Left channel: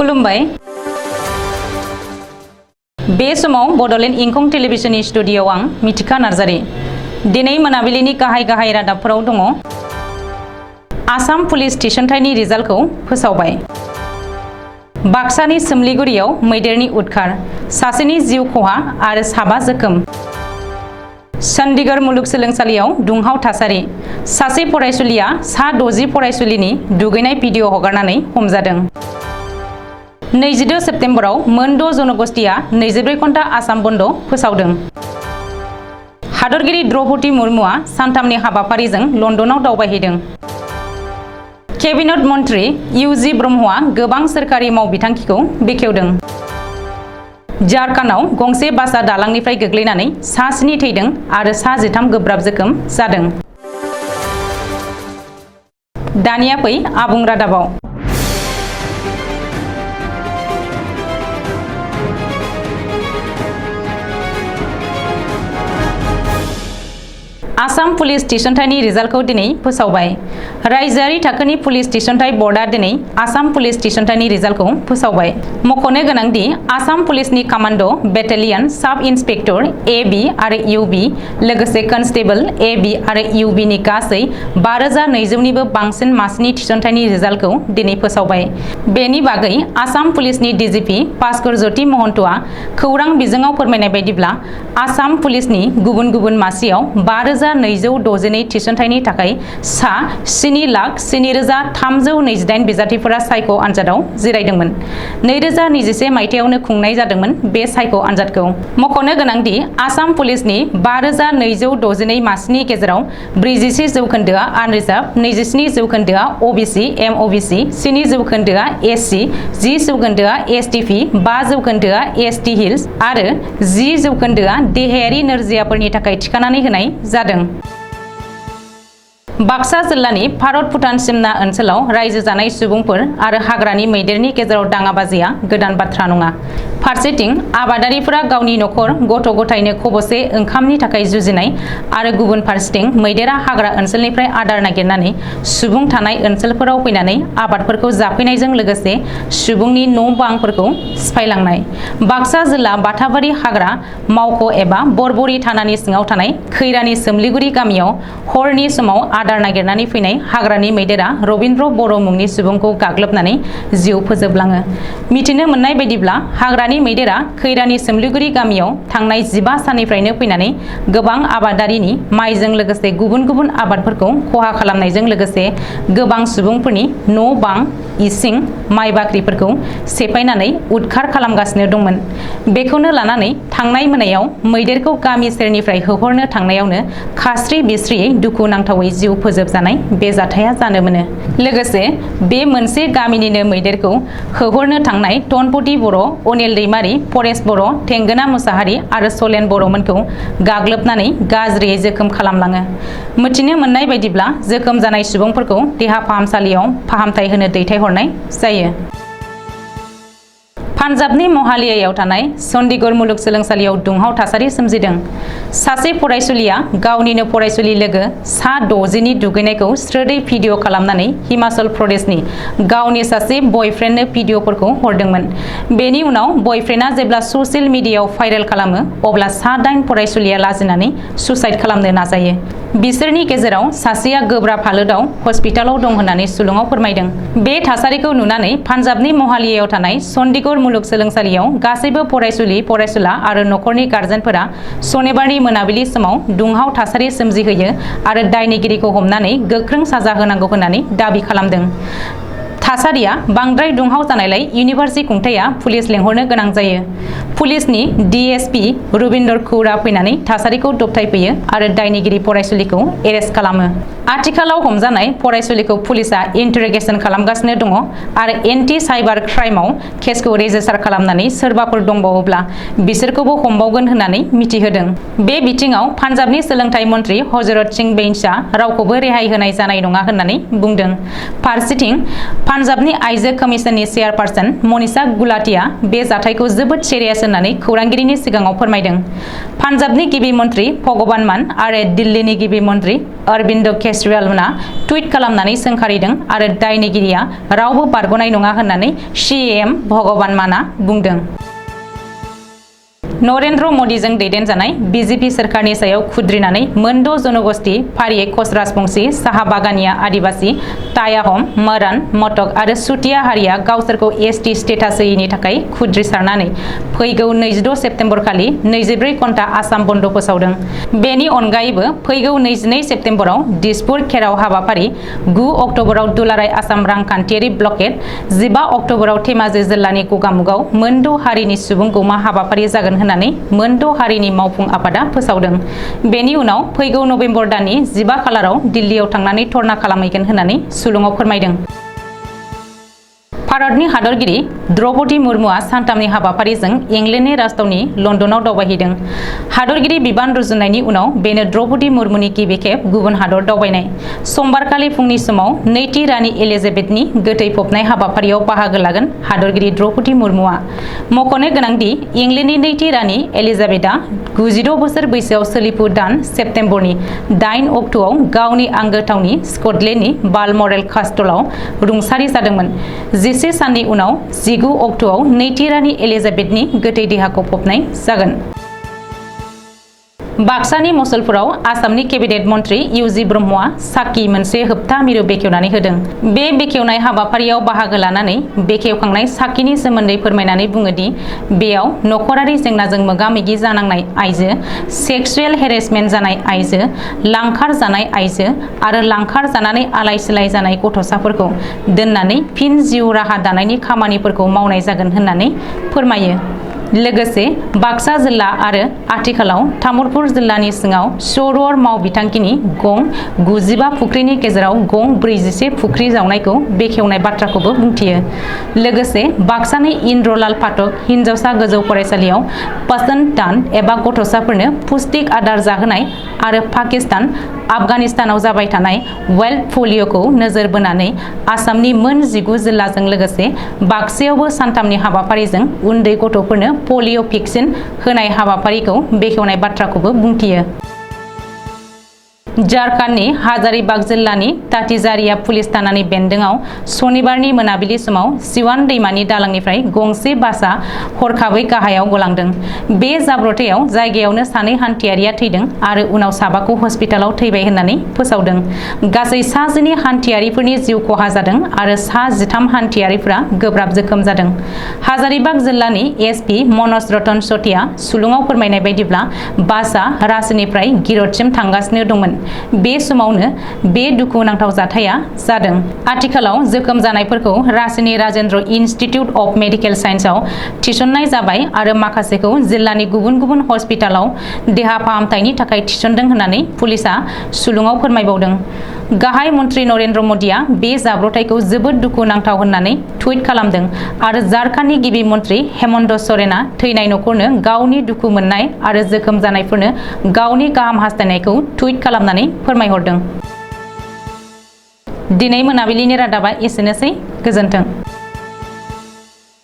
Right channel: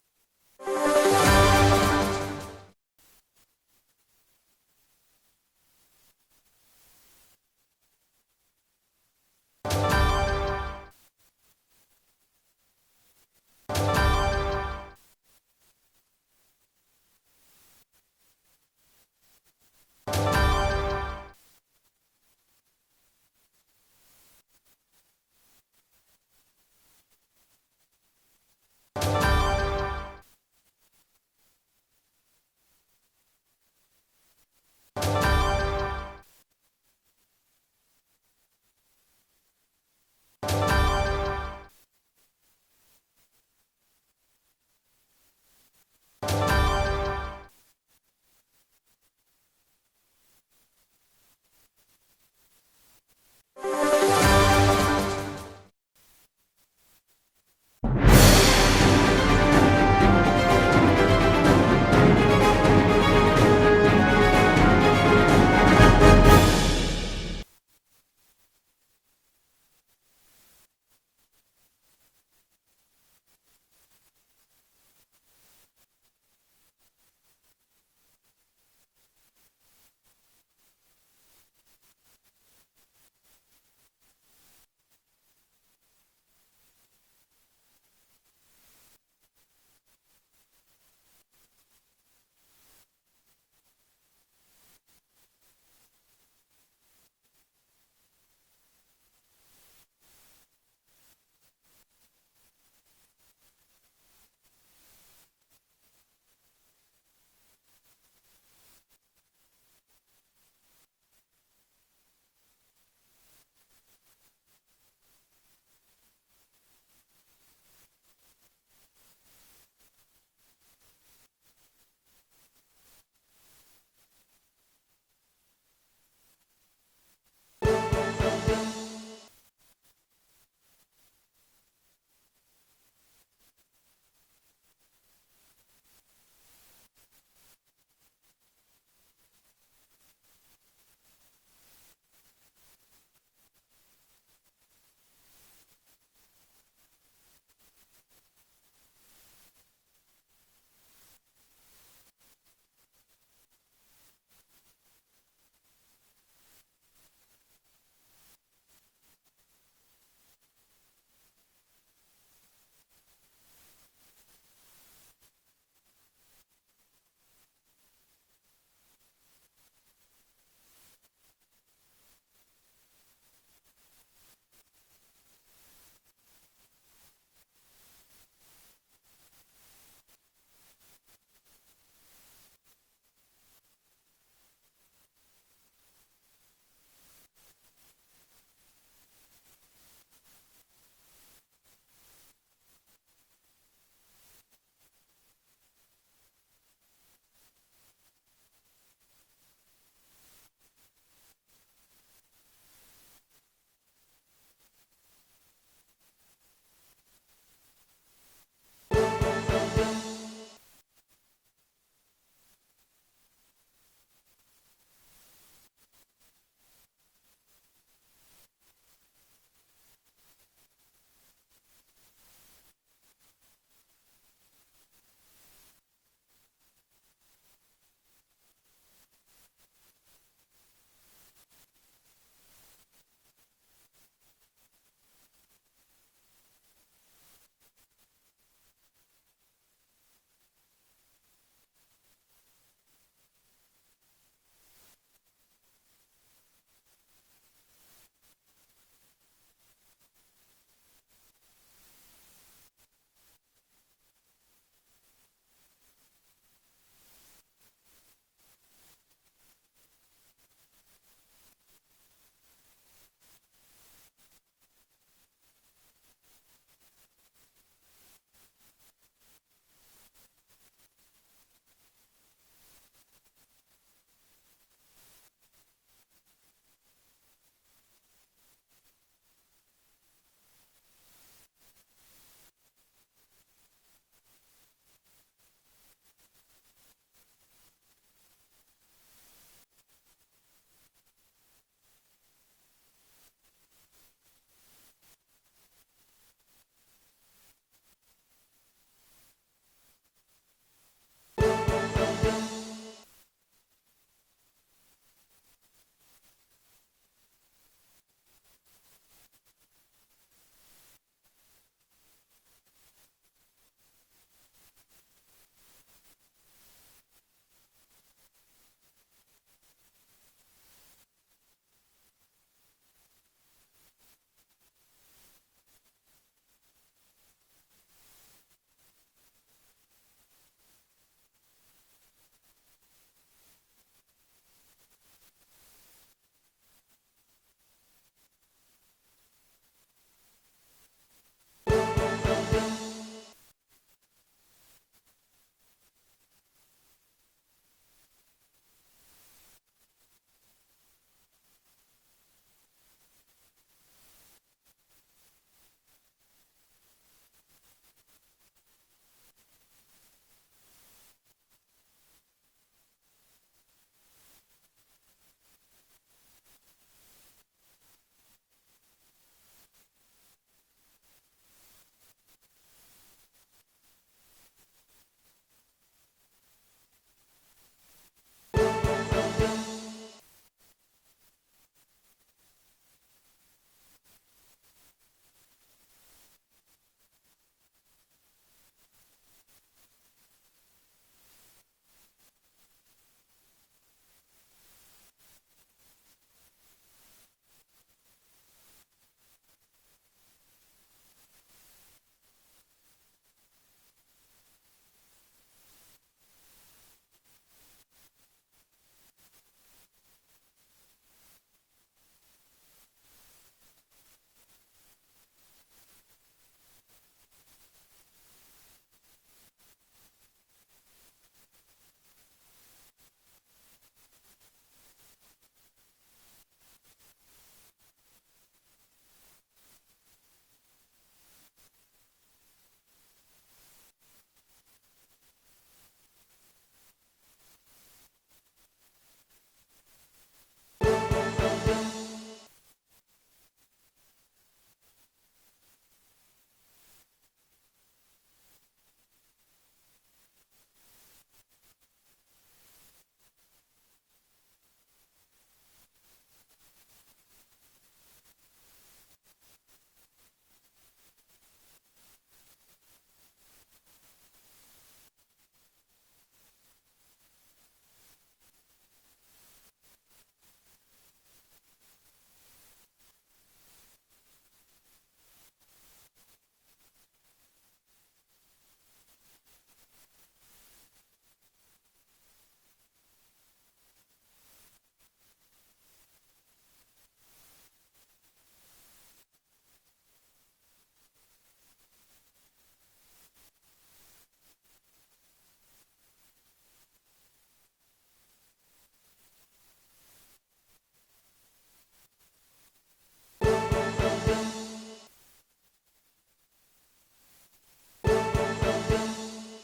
खुलुमबाय बे समाव बडलेण्ड इंखं टेलिभिजननि स्टुडियोआव आं मिथिखा नार्जारी दिनै मोनाबिलिनि गाहाय रादाबफोराव दङ आसाम पुलिस थिसनथायनि रिजाल्टखौ फोसावबाय बाक्सानि सोमलिगुरियाव मैदेरनि उदखार सासेनि जिउ खहा आरो साबा जोखोम चंडीगढ़ मुलुगसोलोंसालियाव दुंहाव थासारि सासे फरायसुलिया सा 60 फरायसुलिनि दुगैनाय भिडिअ हगारनानै हमजादों 22 सेप्तेम्बराव मोन 6 जनगोष्ठीया 24 घन्टा आसाम बन्द फोसावदों हादरगिरि द्रौपदी मुर्मुआ सानथामनि हाबाफारिजों लन्दनाव दावबायहैदों केबिनेट मन्त्री इउजि ब्रह्मआ गोबां सोरखारि मावबिथांखिखौ बेखेवदों झारखन्डआव गंसे बासआ दालांनिफ्राय गोग्लैनानै सा 7 थैदों आरो सा 13 गोब्राब जोखोम जादों दानिया फै आबुं रादाबाव आसाम पुलिस थिसनथायनि रिजाल्टखौ दिनै फोसावबाय रायजोआरि थाखोनि पुलिस थिसनथाय बर्डआ दिनै आसाम पुलिस थिसनथायनि रिजाल्टखौ फोसावबाय मख'नो गोनांदि आसाम पुलिसनि कमान्ड' बेटालियन साब इन्सपेक्टर एबी आरो इउबी लोगोसे कनस्टेबल एबी आरो इउबीनि गासै 5200निबो बांसिन मासिनि थिसनथायनि रिजाल्टखौ दिनै फोसावबाय बेनि बागै आसाम पुलिसनि डिजिपि भास्कर ज्योति महन्तआ खौरां बिजोङाव फोरमायनाय बायदिब्ला आसाम पुलिसनि गुबुन गुबुन मासियाव 5262 थिसनथायनि थाखाय सा 7,07,328 बिजाथिफोरा सायख' आनजादाव जिरायदोंमोन 2021 मायथाइयावनो खुंनाय जादोंमन बे सायख' आनजादखौ मख'नो गोनांदि आसाम पुलिसनि 5262 मासिनि गेजेराव 46 जौखोन्दोआ आनरिजार्भ 27 जौखोन्दोआ ओबीसी एमओबीसी 7 जौखोन्दोआ एससी 10 जौखोन्दोआ एसटीपी 5 जौखोन्दोआ एसटी हिल्स आरो 10 जौखोन्दोआ देहायारि नोरजियाफोरनि थाखाय थिखानानै होनाय जादों बाक्सा जिल्लानि भारत भुटान सिमना ओनसोलाव रायजो जानाय सुबुंफोर आरो हाग्रानि मैदेरनि गेजेराव दाङाबाजिया गोदान बाथ्रा नङा फारसेथिं आबादारिफोरा गावनि नखर गथ' गथायनो खबसे ओंखामनि थाखाय जुजिनाय आरो गुबुन फारसेथिं मैदेरा हाग्रा ओनसोलनिफ्राय आदार नागिरनानै सुबुं थानाय ओनसोलफोराव फैनानै आबादफोरखौ जाफैनायजों लोगोसे सुबुंनि न' बांफोरखौ सिफायलांनाय बाक्सा जिल्ला बाथाबारि हाग्रा मावख' एबा बरबरि थानानि सिङाव थानाय खैरानि सोमलिगुरि गामियाव हरनि समाव आदार नागिरनानै फैनाय हाग्रानि मैदेरा रबिन्द्र बर' मुंनि सुबुंखौ गाग्लोबनानै जिउ फोजोबलाङो मिथिनो मोननाय बायदिब्ला हाग्रानि मैदेरा खैरानि सोमलिगुरि गामियाव थांनाय 15 साननिफ्रायनो फैनानै गोबां आबादारिनि माइजों लोगोसे गुबुन गुबुन आबादफोरखौ खहा खालामनायजों लोगोसे गोबां सुबुंफोरनि न' बां इसिं माइ बाख्रिफोरखौ सेफायनानै उदखार खालामगासिनो दंमोन बेखौनो लानानै थांनाय मोनायाव मैदेरखौ गामि सेरनिफ्राय होहरनो थांनायावनो खास्रि बिस्रियै दुखुनांथावै जिउ फोजोबजानाय बे जाथाया जानो मोनो लोगोसे बे मोनसे गामिनिनो मैदेरखौ होहरनो थांनाय टनपति बर' अनिल दैमारी परेश बर' थेंगोना मुसाहारि आरो सलेन बर'मोनखौ गाग्लोबनानै गाज्रियै जोखोम खालामलाङो मिथिनो मोननाय बायदिब्ला जोखोम जानाय सुबुंफोरखौ देहा फाहामसालियाव फाहामथाय होनो दैथायहरनाय जायो पान्जाबनि महालियायाव थानाय चंडीगढ़ मुलुगसोलोंसालियाव दुंहाव थासारि सोमजिदों सासे फरायसुलिया गावनिनो फरायसुलि लोगो सा 60नि दुगैनायखौ स्रोदै भिडिअ खालामनानै हिमाचल प्रदेशनि गावनि सासे बयफ्रेन्डनो भिडिअफोरखौ हरदोंमोन बेनि उनाव बयफ्रेन्डआ जेब्ला ससियेल मिडियायाव भाइरेल खालामो अब्ला सा 8 फरायसुलिया लाजिनानै सुसाइड खालामनो नाजायो बिसोरनि गेजेराव सासेया गोब्राब हालोदाव हस्पिटालाव दं होननानै सुलुङाव फोरमायदों बे थासारिखौ नुनानै पान्जाबनि महालियायाव थानाय चंडीगढ़ मुलुगसोलोंसालियाव गासैबो फरायसुलि फरायसुला आरो नखरनि गार्जेनफोरा सनिबारनि मोनाबिलि समाव दुंहाव थासारि सोमजिहोयो आरो दायनिगिरिखौ हमनानै गोख्रों साजा होनांगौ होननानै दाबि खालामदों थासारिया बांद्राय दुंहाव जानायलाय इउनिभार्सिटि खुंथाया पुलिस लेंहरनो गोनां जायो पुलिसनि डीएसपी रबिन्द्र खौरा फैनानै थासारिखौ दबथायफैयो आरो दायनिगिरि फरायसुलिखौ एरेस्ट खालामो आथिखालाव हमजानाय फरायसुलिखौ पुलिसा इन्टारोगेसन खालामगासिनो दङ आरो एन्टि साइबार क्राइमआव केसखौ रेजिस्टार खालामनानै सोरबाफोर दंबावोब्ला बिसोरखौबो हमबावगोन होननानै मिथिहोदों बे बिथिङाव पान्जाबनि सोलोंथाइ मन्त्री हजरत सिं बेइनसआ रावखौबो रेहाय होनाय जानाय नङा होननानै बुंदों फारसेथिं पान्जाबनि आइजो कमिसननि चेयारपारसन मनीषा गुलाटिया बे जाथायखौ जोबोद सिरियास होननानै खौरांगिरिनि सिगाङाव फोरमायदों। पान्जाबनि गिबि मन्त्रि भगवान मान आरो दिल्लीनि गिबि मन्त्रि अरविन्द केजरीवालमोना टुइट खालामनानै सोंखारिदों आरो दायनिगिरिया रावबो बारग'नाय नङा होननानै सीएम भगवान माना बुंदों। नरेन्द्र मदीजों दैदेनजानाय बीजेपी सोरखारनि सायाव खुद्रिनानै मोनद' जनगोष्ठी फारियै कच राजबंशी, साहा बागानिया आदिबासी, टायाहम, मरान, मटक आरो सुतिया हारिया गावसोरखौ एसटी स्टेटास होयैनि थाखाय खुद्रिसारनानै फैगौ 22 सेप्तेम्बर खालि 24 घन्टा आसाम बन्द फोसावदों। बेनि अनगायैबो फैगौ 22 सेप्तेम्बराव दिसपुर खेराव हाबाफारि, 9 अक्ट'बराव दुलाराय आसाम रांखान्थियारि ब्लकेट, 15 अक्ट'बराव धेमाजि जिल्लानि गगामुगाव मोनद' हारिनि सुबुं गौमा हाबाफारि जागोन होननानै मोनद' हारिनि मावफुं आफादा फोसावदों। बेनि उनाव फैगौ नबेम्बर दाननि 15 खालाराव दिल्लीयाव थांनानै धर्ना खालामहैगोन होननानै सुलुङाव फोरमायदों। भारतनि हादरगिरि द्रौपदी मुर्मुआ सानथामनि हाबाफारिजों इंलेन्डनि राजथावनि लन्दनाव दावबायहैदों। हादरगिरि बिबान रुजुननायनि उनाव बेनो द्रौपदी मुर्मुनि गिबि खेब गुबुन हादर दावबायनाय। समबारखालि फुंनि समाव नैथि रानि एलिजाबेथनि गोथै फबनाय हाबाफारियाव बाहागो लागोन हादरगिरि द्रौपदी मुर्मुआ। मख'नो गोनांदि इंलेन्डनि नैथि रानि एलिजाबेथआ 96 बोसोर बैसोआव सोलिफु दान सेप्तेम्बरनि 8 अक्ट'आव गावनि आंगो थावनि स्कटलेन्डनि बालमरेल कास्टलआव रुंसारि जादोंमोन। 10 साननि उनाव 19 अक्ट'आव नैथि रानि एलिजाबेथनि गोथै देहाखौ फबनाय जागोन। बाक्सानि मसलपुराव आसामनि केबिनेट मन्त्रि इउजि ब्रह्मआ साखि मोनसे होबथा मिरु बेखेवनानै होदों। बे बेखेवनाय हाबाफारियाव बाहागो लानानै बेखेवखांनाय साखिनि सोमोन्दै फोरमायनानै बुङोदि बेयाव नखरारि जेंनाजों मोगा-मोगि जानांनाय आइजो, सेक्सुएल हेरेसमेन्ट जानाय आइजो, लांखार जानाय आइजो आरो लांखार जानानै आलाय-सिलाय जानाय गथ'साफोरखौ दोननानै फिन जिउ राहा दानायनि खामानिफोरखौ मावनाय जागोन होननानै फोरमायो। लोगोसे बाक्सा जिल्ला आरो आथिखालाव तामुलपुर जिल्लानि सिङाव सर'र मावबिथांखिनि गं 95 फुख्रिनि गेजेराव गं 41 फुख्रि जावनायखौ बेखेवनाय बाथ्राखौबो बुंथियो। लोगोसे बाक्सानि इन्द्रलाल पाठक हिन्जावसा गोजौ फरायसालियाव पसन दान एबा गथ'साफोरनो पुष्टिक आदार जाहोनाय आरो पाकिस्तान, आफगानिस्तानाव जाबाय थानाय वेल्ड पलिय'खौ नोजोर बोनानै आसामनि मोन 19 जिल्लाजों लोगोसे बाक्सायावबो सानथामनि हाबाफारिजों उन्दै गथ'फोरनो पलिय' भेक्सिन होनाय हाबाफारिखौ बेखेवनाय बाथ्राखौबो बुंथियो। झारखन्डनि हाजारीबाग जिल्लानि तातीजारिया पुलिस थानानि बेन्दोंआव सनिबारनि मोनाबिलि समाव सिवान दैमानि दालांनिफ्राय गंसे बासआ हरखाबै गाहायाव गलांदों। बे जाब्रबथायाव जायगायावनो सानै हान्थियारिया थैदों आरो उनाव साबाखौ हस्पिटालाव थैबाय होननानै फोसावदों। गासै सा 9 हान्थियारिफोरनि जिउ खहा जादों आरो सा 13 हान्थियारिफोरा गोब्राब जोखोम जादों। हाजारीबाग जिल्लानि एसपि मनज रतन चटिया सुलुङाव फोरमायनाय बायदिब्ला बासआ रांचीनिफ्राय गिर'डसिम थांगासिनो दंमोन। बे समावनो बे दुखुनांथाव जाथाया जादों। आथिखालाव जोखोम जानायफोरखौ रांचीनि राजेन्द्र इन्स्टिट्युट अफ मेडिकेल साइन्सआव थिसननाय जाबाय आरो माखासेखौ जिल्लानि गुबुन गुबुन हस्पिटालाव देहा फाहामथायनि थाखाय थिसनदों होननानै पुलिसआ सुलुङाव फोरमायबावदों। गाहाय मन्त्रि नरेन्द्र मदीआ बे जाब्रबथायखौ जोबोद दुखुनांथाव होननानै टुइट खालामदों आरो झारखन्डनि गिबि मन्त्रि हेमन्त सोरेनआ थैनाय नखरनो गावनि दुखु मोननाय आरो जोखोम जानायफोरनो गावनि गाहाम हास्थायनायखौ टुइट खालामनानै फोरमायहरदों। दिनै मोनाबिलिनि रादाबा एसेनोसै। गोजोन्थों।